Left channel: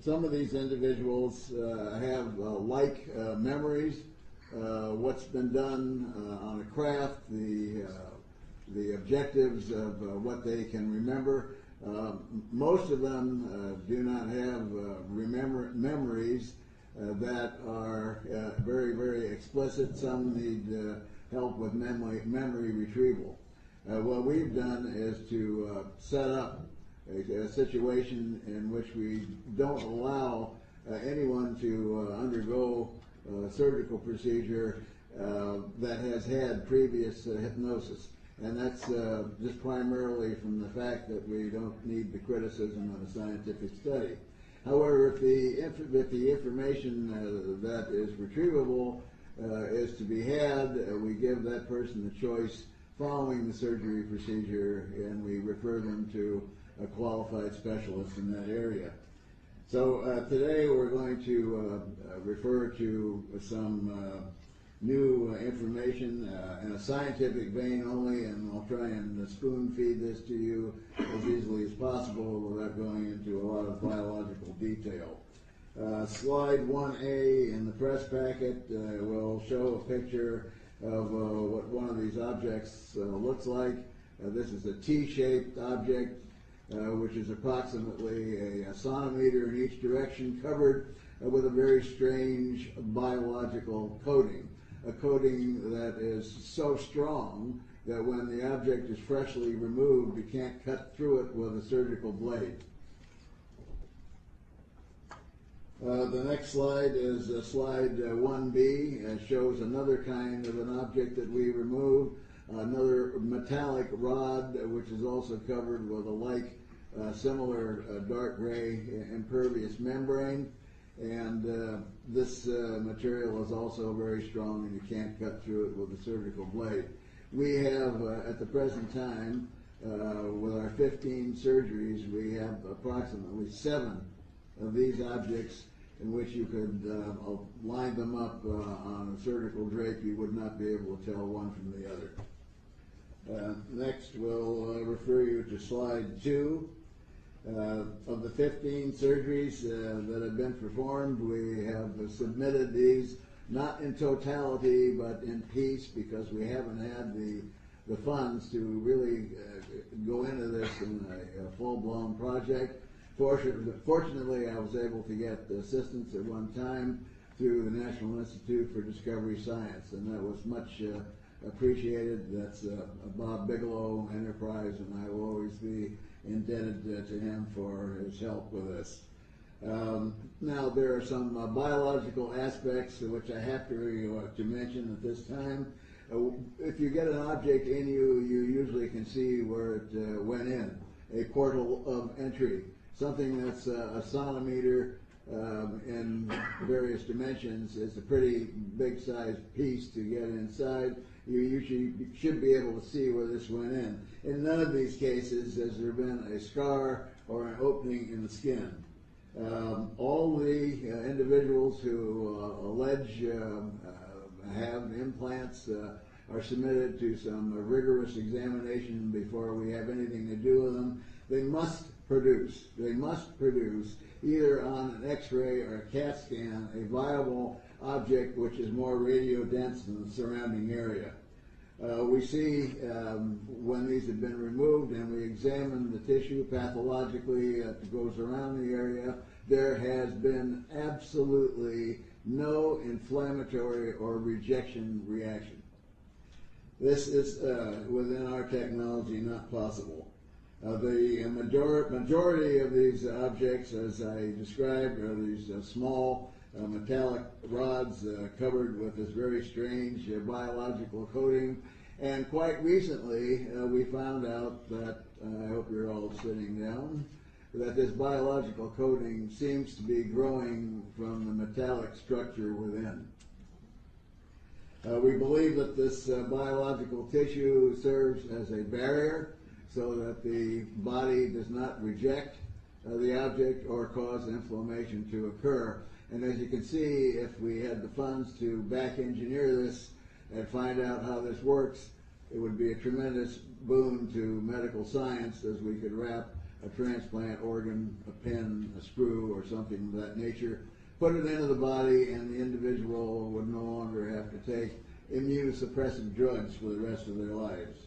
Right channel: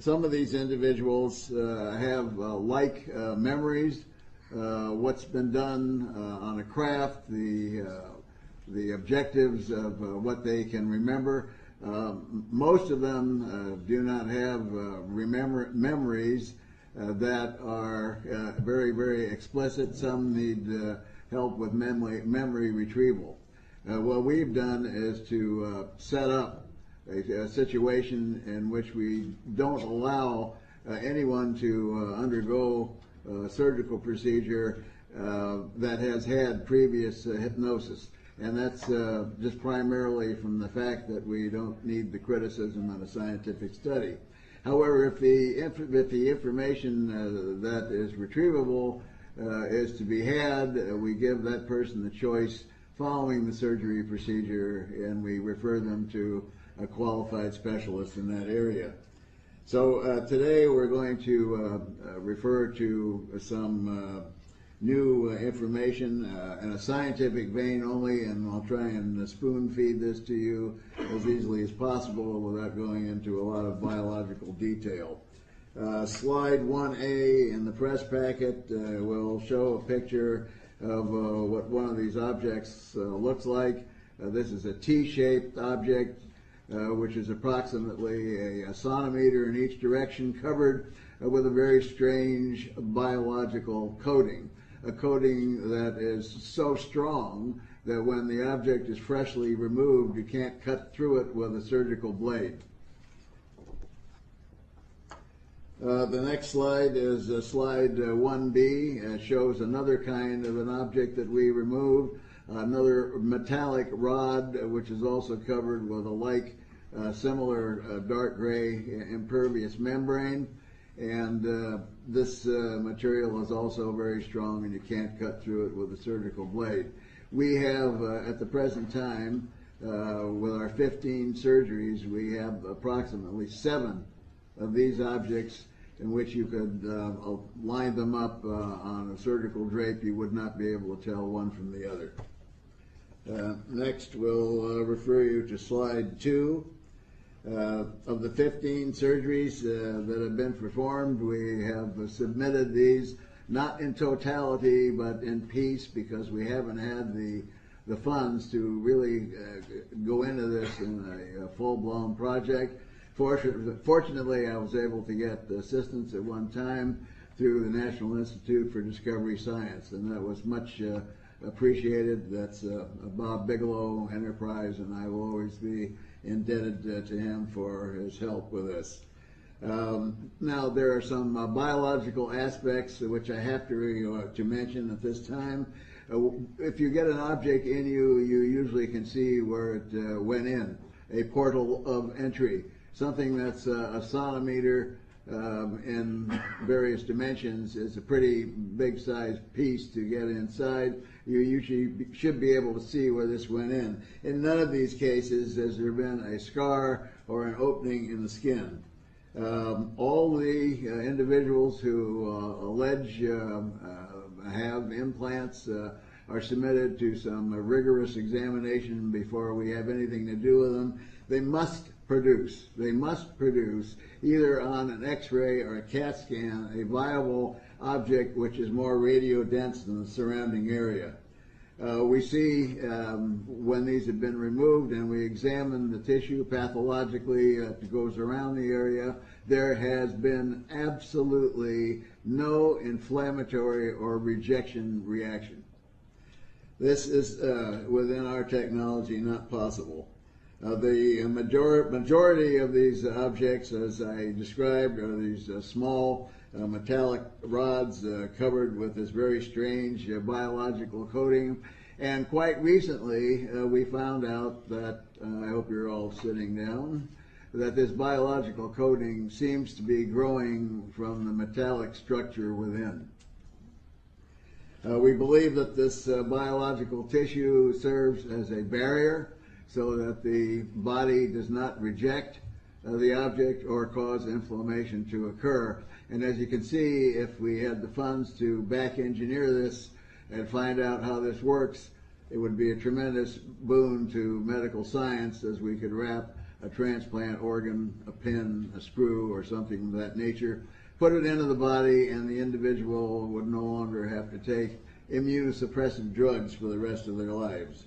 Some of these individuals have memories, what's been done on a craft, the objectives of what they can remember. Most of them do not have memories that are very, very explicit. Some need help with memory retrieval. What we've done is to set up a situation in which we don't allow anyone to undergo a surgical procedure that has had previous hypnosis. And that's just primarily from the fact that we don't need the criticism of a scientific study. However, if the information that is retrievable is to be had, we give that person the choice following the surgery procedure, and we refer them to a qualified specialist in that area. So today we're going to refer to some new information in a scientific vein only, and I'll try and spoon feed this to you as easily as possible without going into a lot of biological detail. Slide 1A in the press packet will show a picture of what one of these objects looks like. This is a T-shaped object, which is approximately a centimeter in each direction, covered with a very strange biological coating. A coating that is so strong that when the object is freshly removed, you can't cut through it with a surgical blade. The next slide is slide 1B. It shows another kind of an object that we removed, another metallic rod, which is also covered with a similar dark gray impervious membrane. And this material is also very strong, and you can't cut through it with a surgical blade. We have, at the present time, with our 15 surgeries, we have approximately 7 of these objects in which you could line them up on a surgical drape. You would not be able to tell one from the other. Next, we'll refer you to slide 2. Of the 15 surgeries that have been performed, we have submitted these not in totality but in piece, because we haven't had the funds to really go into this in a full-blown project. Fortunately, I was able to get assistance at one time through the National Institute for Discovery Science, and that was much appreciated. That's Bob Bigelow Enterprise, and I will always be indebted to him for his help with this. Now, there are some biological aspects which I have to mention at this time. If you get an object in you, you usually can see where it went in, a portal of entry, something that's a centimeter in various dimensions is a pretty big sized piece to get inside. You usually should be able to see where this went in. In none of these cases has there been a scar or an opening in the skin. All the individuals who allege have implants are submitted to some rigorous examination before we have anything to do with them. They must produce either on an X-ray or a CAT scan a viable object which is more radio dense than the surrounding area. We see when these have been removed and we examine the tissue pathologically that goes around the area, there has been absolutely no inflammatory or rejection reaction. This is within our technology not possible. The majority of these objects, as I described, are these small metallic rods covered with this very strange biological coating. And quite recently, we found out that, I hope you're all sitting down, that this biological coating seems to be growing from the metallic structure within. We believe that this biological tissue serves as a barrier so that the body does not reject the object or cause inflammation to occur. And as you can see, if we had the funds to back engineer this and find out how this works, it would be a tremendous boon to medical science, as we could wrap a transplant organ, a pin, a screw, or something of that nature, put it into the body, and the individual would no longer have to take immunosuppressive drugs for the rest of their lives.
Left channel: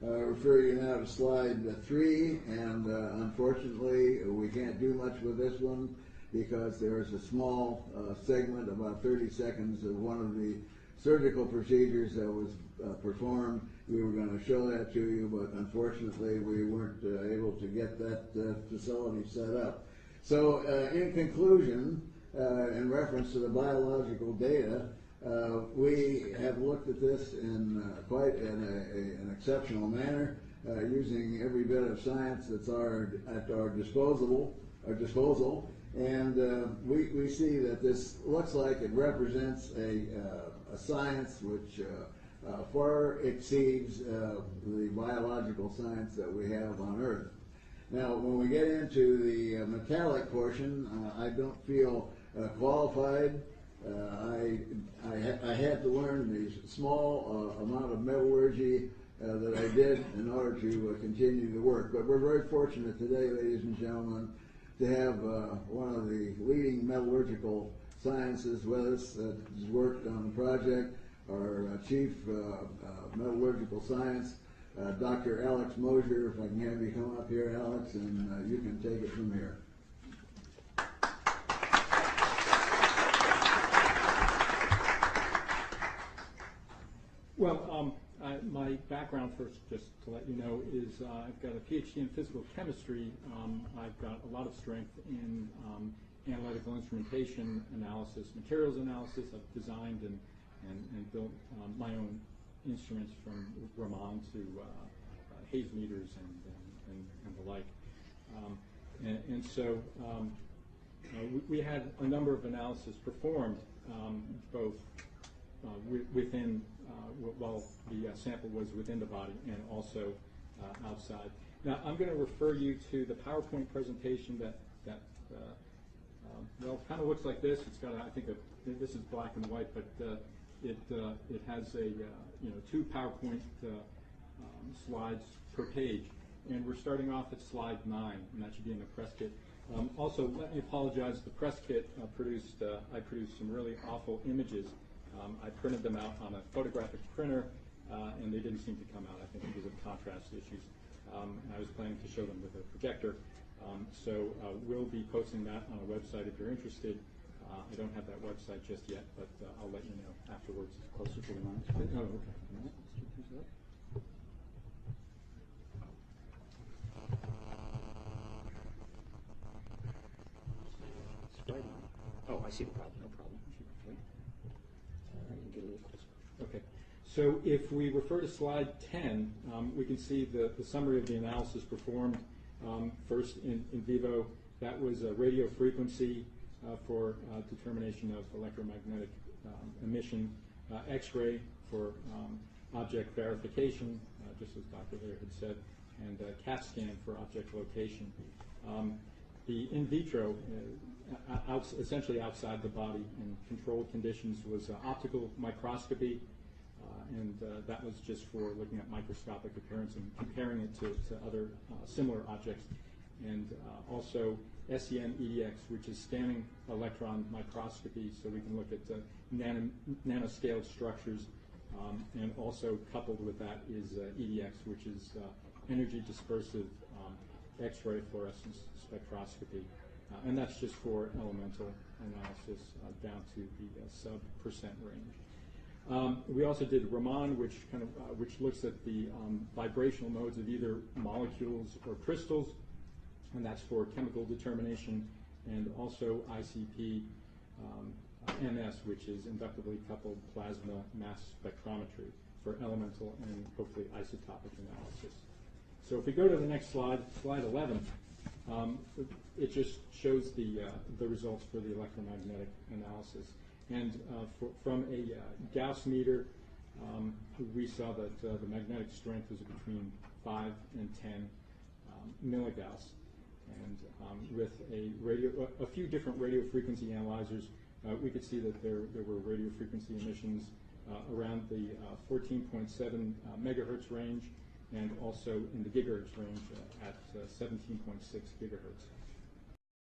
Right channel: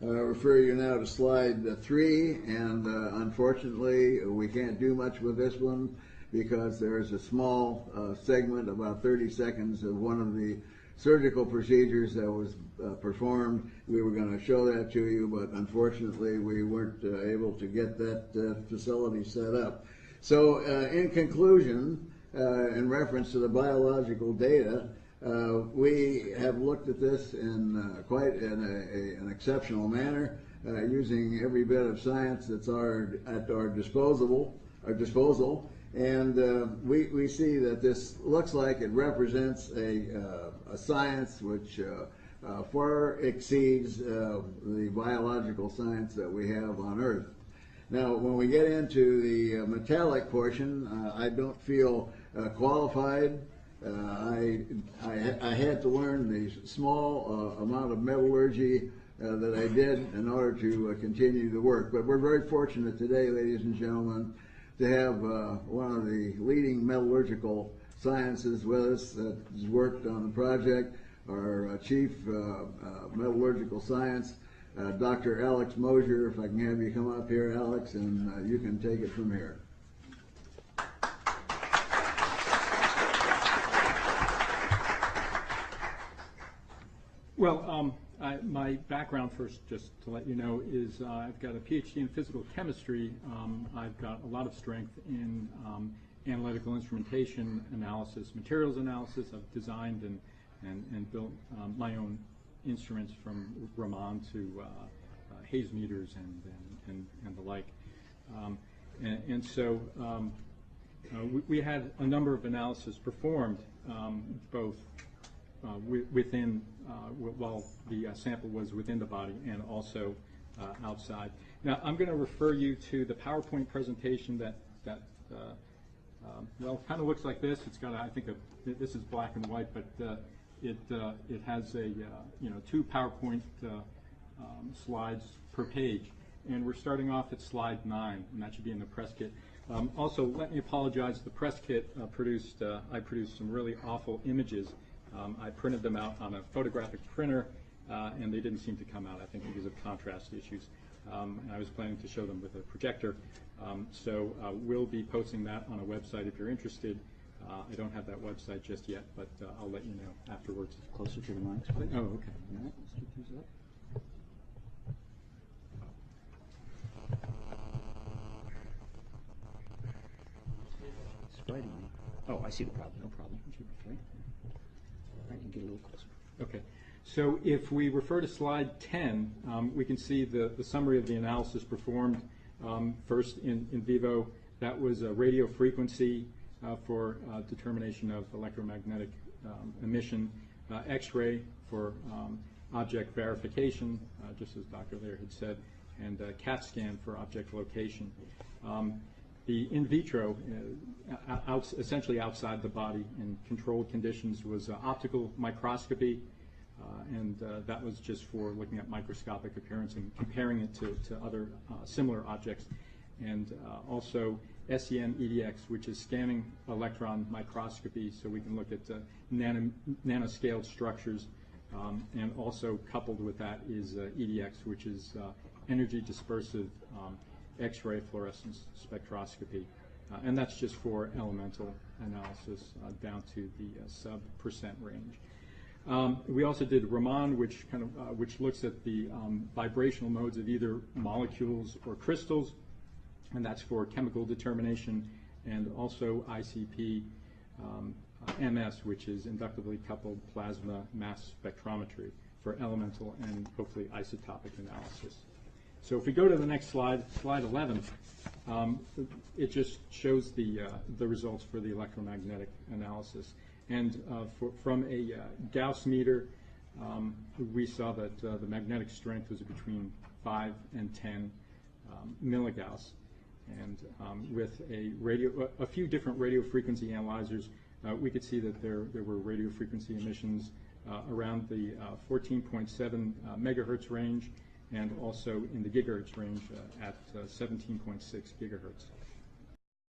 Refer you now to slide 3, and unfortunately we can't do much with this one because there's a small segment, about 30 seconds, of one of the surgical procedures that was performed. We were going to show that to you, but unfortunately we weren't able to get that facility set up. So in conclusion, in reference to the biological data, we have looked at this in quite an exceptional manner, using every bit of science that's at our disposal, and we see that this looks like it represents a science which far exceeds the biological science that we have on Earth. Now, when we get into the metallic portion, I don't feel qualified. I had to learn the small amount of metallurgy that I did in order to continue the work. But we're very fortunate today, ladies and gentlemen, to have one of the leading metallurgical sciences with us that has worked on the project, our chief metallurgical science, Dr. Alex Mosier. If I can have you come up here, Alex, and you can take it from here. Well, my background first, just to let you know, is I've got a PhD in physical chemistry. I've got a lot of strength in analytical instrumentation analysis, materials analysis. I've designed and built my own instruments from Raman to haze meters and the like. So we had a number of analyses performed, both within, while the sample was within the body, and also outside. Now, I'm going to refer you to the PowerPoint presentation that well, kind of looks like this. It's got, I think, this is black and white, but it has a 2 PowerPoint slides per page, and we're starting off at slide 9, and that should be in the press kit. Also, let me apologize. The press kit I produced some really awful images. I printed them out on a photographic printer, and they didn't seem to come out, I think, because of contrast issues. I was planning to show them with a projector. So we'll be posting that on a website if you're interested. I don't have that website just yet, but I'll let you know afterwards. Closer to the mic, please. Oh, okay. All right, let's get these up. Oh, I see the problem. No problem. I can get a little closer. Okay. So if we refer to slide 10, we can see the summary of the analysis performed. First in vivo, that was a radio frequency for determination of electromagnetic emission, X-ray for object verification, just as Dr. Lair had said, and CAT scan for object location. The in vitro, essentially outside the body in controlled conditions, was optical microscopy, and that was just for looking at microscopic appearance and comparing it to other similar objects. And also SEM EDX, which is scanning electron microscopy, so we can look at nanoscaled structures. And also coupled with that is EDX, which is energy dispersive X-ray fluorescence spectroscopy. And that's just for elemental analysis down to the sub% range. We also did Raman, which looks at the vibrational modes of either molecules or crystals, and that's for chemical determination, and also ICP MS, which is inductively coupled plasma mass spectrometry for elemental and hopefully isotopic analysis. So if we go to the next slide, slide 11, it just shows the results for the electromagnetic analysis. And from a Gauss meter, we saw that the magnetic strength was between 5 and 10 milligauss. And with a few different radio frequency analyzers, we could see that there were radio frequency emissions around the 14.7 megahertz range, and also in the gigahertz range at 17.6 gigahertz.